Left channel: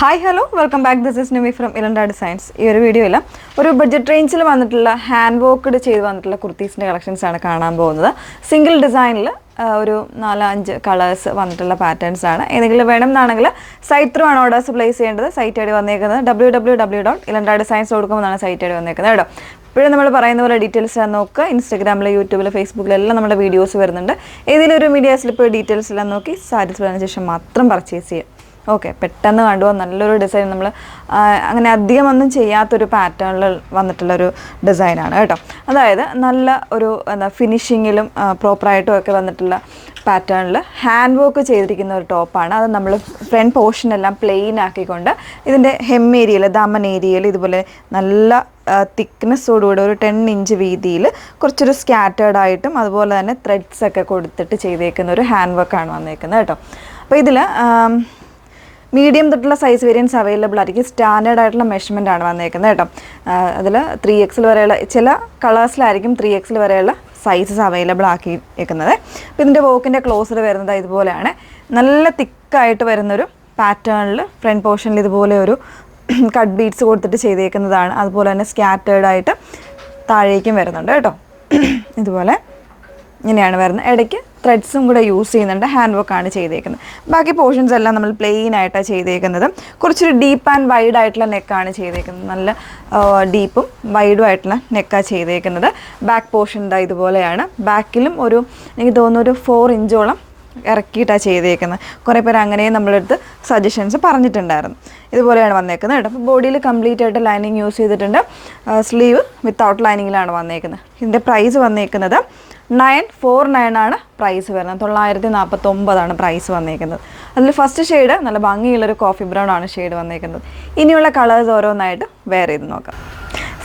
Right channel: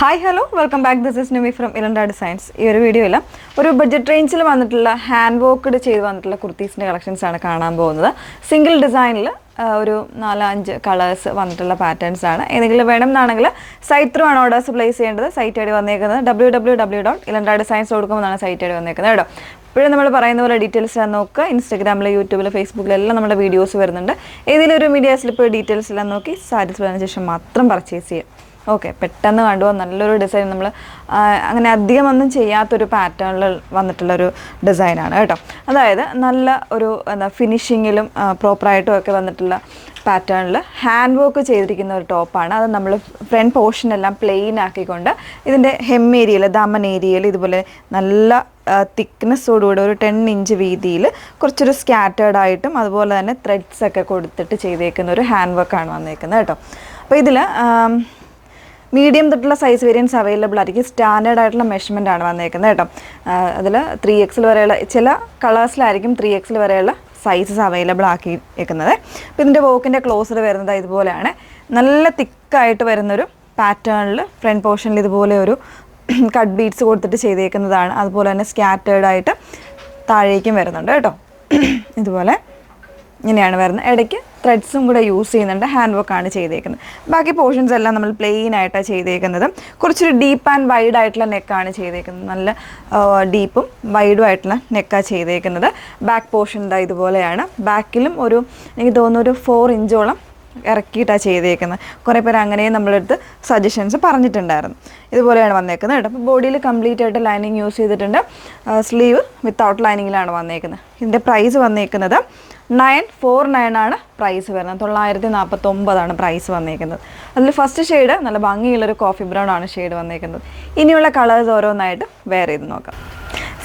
Hi hello welcome back. This is Nimi from Elanda designs. ഈ ഒരു വീഡിയോയിൽ ഒരു ബഡ്ജറ്റ് റേഞ്ചിൽ വന്നിട്ടുള്ള ഹാൻഡ് വർക്ക്ഡ് ചെയ്ത് വന്നിട്ടുള്ള കുർത്തീസിൻ്റെ കളക്ഷൻസ് ആണ് കാണാൻ പോകുന്നത്. സിംഗിൾ ഡിസൈനിൽ ഒരു 4-5 കളേഴ്സ് വന്നിട്ടുള്ള പാറ്റേൺസ് ആണ്. ഏതെങ്കിലും വേണമെന്നാണെങ്കിൽ സൈറ്റ് ത്രൂ ആണ് ഓർഡേഴ്സ് പ്ലേസ് ചെയ്യേണ്ടത്. സൈറ്റ് ഐഡി വന്നേക്കുന്നത് www.ilandadesigns.com എന്നാണ് സൈറ്റ് ഐഡി വന്നേക്കുന്നത് കേട്ടോ. ഇപ്പോഴും നമ്മൾ പറയുന്ന പോലെ ഡീറ്റെയിൽസ് നോക്കുക. ഇൻസ്റ്റാഗ്രാമിൽ, യൂട്യൂബിൽ, ഫേസ്ബുക്കിലെല്ലാം നമ്മുടെ വീഡിയോസ് വരുന്നുണ്ട്. ഏതെങ്കിലും ഒരു മീഡിയാസിൽ ഇപ്പോൾ ഡീറ്റെയിൽസ് എല്ലാം നോക്കി സാറ്റിസ്ഫൈ ആയതിനു ശേഷം മാത്രം പർച്ചേസ് ചെയ്യുക. ഓക്കെ, പെട്ടെന്ന് കണ്ടുപോകാൻ നല്ലൊരു ഡിസൈൻ, നമ്മൾ അങ്ങനെ അധികം ഒന്നും ചെയ്യാത്തൊരു പാറ്റേണിൽ വന്നിട്ടുള്ളൊരു ഡിസൈനാണ് കേട്ടോ. അതായത് നല്ല ഒരു ഫിനിഷിങ്ങിലും പ്രോപ്പറായിട്ടും ഒക്കെ വന്നിട്ടുള്ള പാറ്റേണിൽ ഹാൻഡ് വർക്ക് ചെയ്തിരിക്കുന്ന ഒരു ടോപ്പാണ്. അത് നമ്മൾ ഫ്രണ്ട് പോർഷനെല്ലാം പ്ലെയിൻ ആക്കിക്കൊണ്ട് ഇതിൻ്റെ ഹെം ഏരിയയിൽ, ദമൻ ഏരിയയിൽ ഇതുപോലെ നല്ല തിക്നെസ്സോടുകൂടി ഒരു 10 ഇഞ്ച് വീതിയിൽ കുറച്ചൊരു സ്കാറ്റേർഡ് ആയിട്ടും അതുപോലെ തന്നെ ത്രെഡ്സ് ഒക്കെ കൊടുത്തിട്ട് ചെയ്തേക്കുന്ന ഒരു ഹാൻഡ് വർക്കാണ് വന്നേക്കുന്നത് കേട്ടോ. അപ്പോൾ ഇതിൽ മീഡിയം തൊട്ടുള്ള സൈസ് വേരിയൻസ് അവൈലബിൾ ആയിരിക്കും. സ്റ്റാൻഡേർഡ് ആയിട്ടുള്ള മെഷർമെൻ്റ് ആണ് വന്നേക്കുന്നത് കേട്ടോ. അതിൽ 3XL വരെയുള്ള ചില കളേഴ്സിലായിരിക്കും 3XL വരെയുള്ള സൈസസ് അവൈലബിൾ ആക്കിയിരിക്കുന്നത്. അപ്പോൾ ഇതിൻ്റെ വോക്കിൻ്റെ ക്ലോസർ വരുന്നത് ഇതുപോലെയാണ്. നല്ല തിക്കായിട്ട് വരുന്നൊരു പാറ്റേണിൽ ഫ്രണ്ട് പോർഷനിൽ ഇതുപോലെ ഒരു കട്ട് ബീഡ്സ് കൊടുത്തിട്ട് ചെയ്തേക്കുന്നതാണ്. അതുപോലെ തന്നെ സ്കാറ്റേർഡ് ആയിട്ട് താഴേക്കും വരുന്നുണ്ട് കേട്ടോ. ഇതുപോലെ ഇങ്ങനെയാണ് വരുന്നത്. ഇടയ്ക്ക് ത്രെഡ്സും കൂടെ യൂസ് ചെയ്യുന്നുണ്ട്. ഹാൻഡ് വർക്കാണ് ചെയ്തേക്കുന്നത്. ബാക്കി പോർഷൻസ് എല്ലാം നമ്മൾ പ്ലെയിൻ ആയിട്ടാണ് ചെയ്തേക്കുന്നത്. കുറച്ചൊരു ഡീപ്പ് ആൻഡ് വൈഡ് ആയിട്ടുള്ള നെക്കാണ് ചെയ്തേക്കുന്നത്. നല്ല ഡീപ്പും വൈഡും ആയിട്ടുള്ള നെക്കാണ് ചെയ്തേക്കുന്നത്. ബാക്ക് പോർഷൻ ഇതാ ഇതുപോലെയാണ്. ബാക്കിലും എനിക്ക് തോന്നുന്നു ഒരു 4 ഇഞ്ചോളം ഇറക്കിയിട്ടാണ് ചെയ്തേക്കുന്നത്. കുറേ പേര് അങ്ങനെയും നമ്മളെടുത്ത് സജഷൻസ് പറഞ്ഞിട്ടുണ്ടായിരുന്നു. ഇതുപോലെയാണ് വന്നേക്കുന്നത് കേട്ടോ. അപ്പോൾ ബോഡിയിൽ കംപ്ലീറ്റ് ആയിട്ട് ലൈനിങ് യൂസ് ചെയ്തിട്ടുണ്ട്. സ്ലീവ് വിത്തൗട്ട് ലൈനിങ്ങിലാണ് വന്നേക്കുന്നത്. ഇതിൻ്റെ പ്രൈസ് വന്നേക്കുന്നത് 949 ആണ് പ്രൈസ് വരുന്നത്. 949 പ്രൈസ് വന്നേക്കുന്നത്. അതിൽ ഫസ്റ്റ് ഷെയ്ഡ് നല്ല ഭംഗിയുള്ളൊരു കോഫി ബ്രൗൺ ആണ് ഷെയ്ഡ് വന്നേക്കുന്നത്. ഇനിയുള്ള കളേഴ്സ് ഓരോന്നായിട്ട് വെയർ ചെയ്ത് നോക്കാം.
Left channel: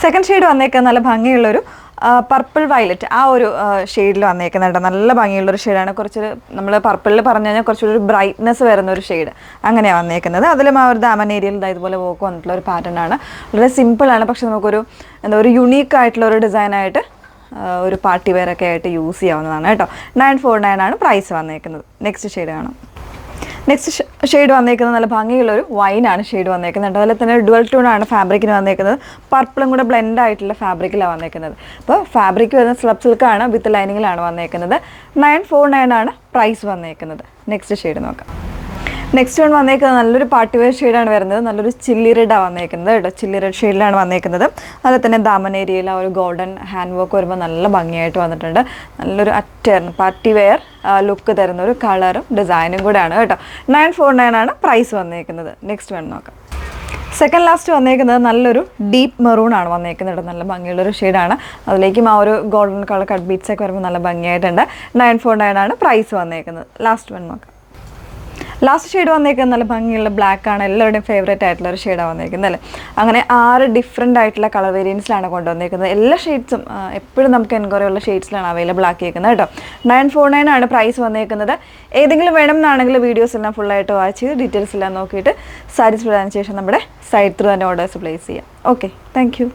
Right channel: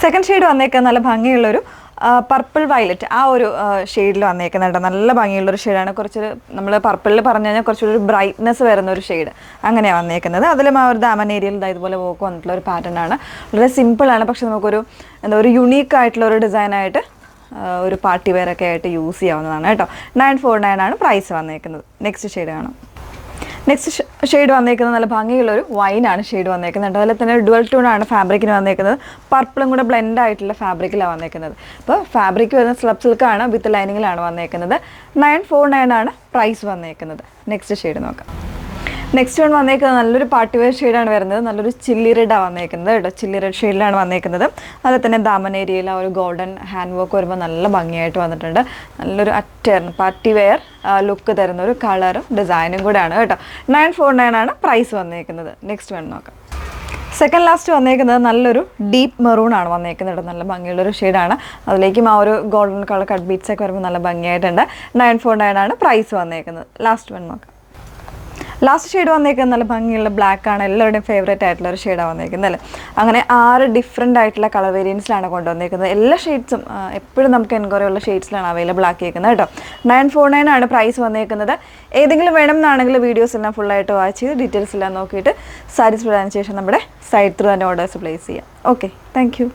സെക്കൻഡ് ഷെയ്ഡ് വന്നേക്കുന്നത് നല്ല ഭംഗിയുള്ളൊരു പർപ്പിൾ വയലറ്റ് ആ ഒരു ഷെയ്ഡിൽ വന്നേക്കുന്നുണ്ട്. നല്ല ഭംഗിയുള്ളൊരു ഷെയ്ഡാണ്. കുറച്ചൊരു നമ്മൾ പർപ്പിളിൽ പറഞ്ഞു കഴിഞ്ഞാൽ കുറച്ചൊരു ബ്രൈറ്റ്നെസ് വരുന്ന ഒരു ഷെയ്ഡ് അങ്ങനെയാണ് വന്നേക്കുന്നത്. അതിലും ആ ഒരു ദാമൻ ഏരിയയിൽ ഇതുപോലെ വർക്ക് വന്നിട്ടുള്ള ഒരു പാറ്റേൺ ആണ്. വളരെ സിമ്പിളാണ്, പക്ഷെ നമുക്കൊരു ഒരു യുണീക്ക് ആയിട്ടുള്ള ഒരു ഡിസൈനായിട്ട് ഒരു പാർട്ടി വെയർ ഒക്കെ ആയിട്ട് യൂസ് ചെയ്യാവുന്നതാണ് കേട്ടോ. 949 ആണ് പ്രൈസ് വന്നേക്കുന്നത്. നെക്സ്റ്റ് ഷെയ്ഡ് കാണാം. നെക്സ്റ്റ് ഷെയ്ഡ് വന്നേക്കുന്നത് നല്ല ഭംഗിയുള്ളൊരു വൈനാണ് ഷെയ്ഡ് വന്നേക്കുന്നുണ്ട്. അതിൽ തന്നെ ഡുവൽ ടൂണാണ് ഫാബ്രിക്കിന് വന്നേക്കുന്നത്. പർപ്പിളും കൂടെ ബ്ലെൻഡ് ആയിട്ടുള്ള ഫാബ്രിക്കിലാണ് വന്നേക്കുന്നത്. അപ്പോൾ ഫാബ്രിക് വരുന്ന സ്ലബ് സിൽക്കാണ്, വിത്ത് ലൈനിങ്ങിലാണ് വന്നേക്കുന്നത്. 949 ആണ് പ്രൈസ് വന്നേക്കുന്നത്. നെക്സ്റ്റ് ഷെയ്ഡ് നോക്കാം. നെക്സ്റ്റ് വൺ വന്നേക്കുന്നത് നല്ലൊരു പാർട്ടി വെയർ ഷെയ്ഡാണ് വരുന്നത്. നല്ലൊരു ചില്ലി റെഡാണ് വന്നേക്കുന്നത് കേട്ടോ. ചില്ലി റെഡ് ഷെയ്ഡിലാണ് വന്നേക്കുന്നത്. അതിൽ തന്നെ ദാമൻ ഏരിയയിൽ ആ ഒരു ഗോൾഡൻ ഹാൻഡ് വർക്ക് വരുമ്പോൾ നല്ല ഭംഗിയായിട്ട് വന്നിട്ടുണ്ട്. നല്ലൊരു പാർട്ടി വെയർ ലുക്ക് തരുന്ന ഒരു കളറും ഡിസൈനും കൂടെയാണ് കേട്ടോ. 949 ആണ് പ്രൈസ് വന്നേക്കുന്നത്. നെക്സ്റ്റ് വൺ നോക്കാം. സെക്കൻഡ് ലാസ്റ്റ് വന്നേക്കുന്നത് നല്ലൊരു ഡീപ്പ് മെറൂൺ ആണ് വന്നേക്കുന്നത്. നല്ല ഭംഗിയുള്ളൊരു ഷെയ്ഡാണ്. അതിലേക്കും ആ ഒരു ഗോൾഡൻ കളർ കട്ട് ബീറ്റ്സ് ഒക്കെ വരുമ്പോൾ നല്ല ഭംഗിയായിട്ടുണ്ട്. 949 ആണ് പ്രൈസ് വന്നേക്കുന്നത്. ലാസ്റ്റ് വൺ നോക്കാം. ലാസ്റ്റ് ഷെയ്ഡ് വന്നേക്കുന്നത് നല്ല ഭംഗിയുള്ള ബ്ലാക്ക് ആണ്. എല്ലാവരുടെയും ഫേവറേറ്റ് ആയിട്ടുള്ള ഒരു ഷെയ്ഡാണ് വന്നേക്കുന്നത് അല്ലേ. അങ്ങനെ 6 ഡിഫറെൻ്റ് ആയിട്ടുള്ള കളർ വേരിയൻസിലാണ് കൊണ്ടുവന്നേക്കുന്നത്. എല്ലാ ഷെയ്ഡ്സും എപ്പോഴും നമുക്ക് എൻക്വയറി ഉള്ള ഷെയ്ഡ്സിലാണ് അവൈലബിൾ ആക്കിയേക്കുന്നത് കേട്ടോ. 949 ആണ് പ്രൈസ് വന്നേക്കുന്നത്. ഏതെങ്കിലും വേണമെന്നാണെങ്കിൽ വീഡിയോസ് എല്ലാം ഫുള്ളായിട്ട് വാച്ച് ചെയ്ത് ഡീറ്റെയിൽസ് എല്ലാം നോക്കിയിട്ട് സാറ്റിസ്ഫൈഡ് ആയതിനു ശേഷം നമ്മുടെ സൈറ്റ് ത്രൂ തന്നെ ഓർഡേഴ്സ് പ്ലേസ് ചെയ്യാം. Okay, thank you.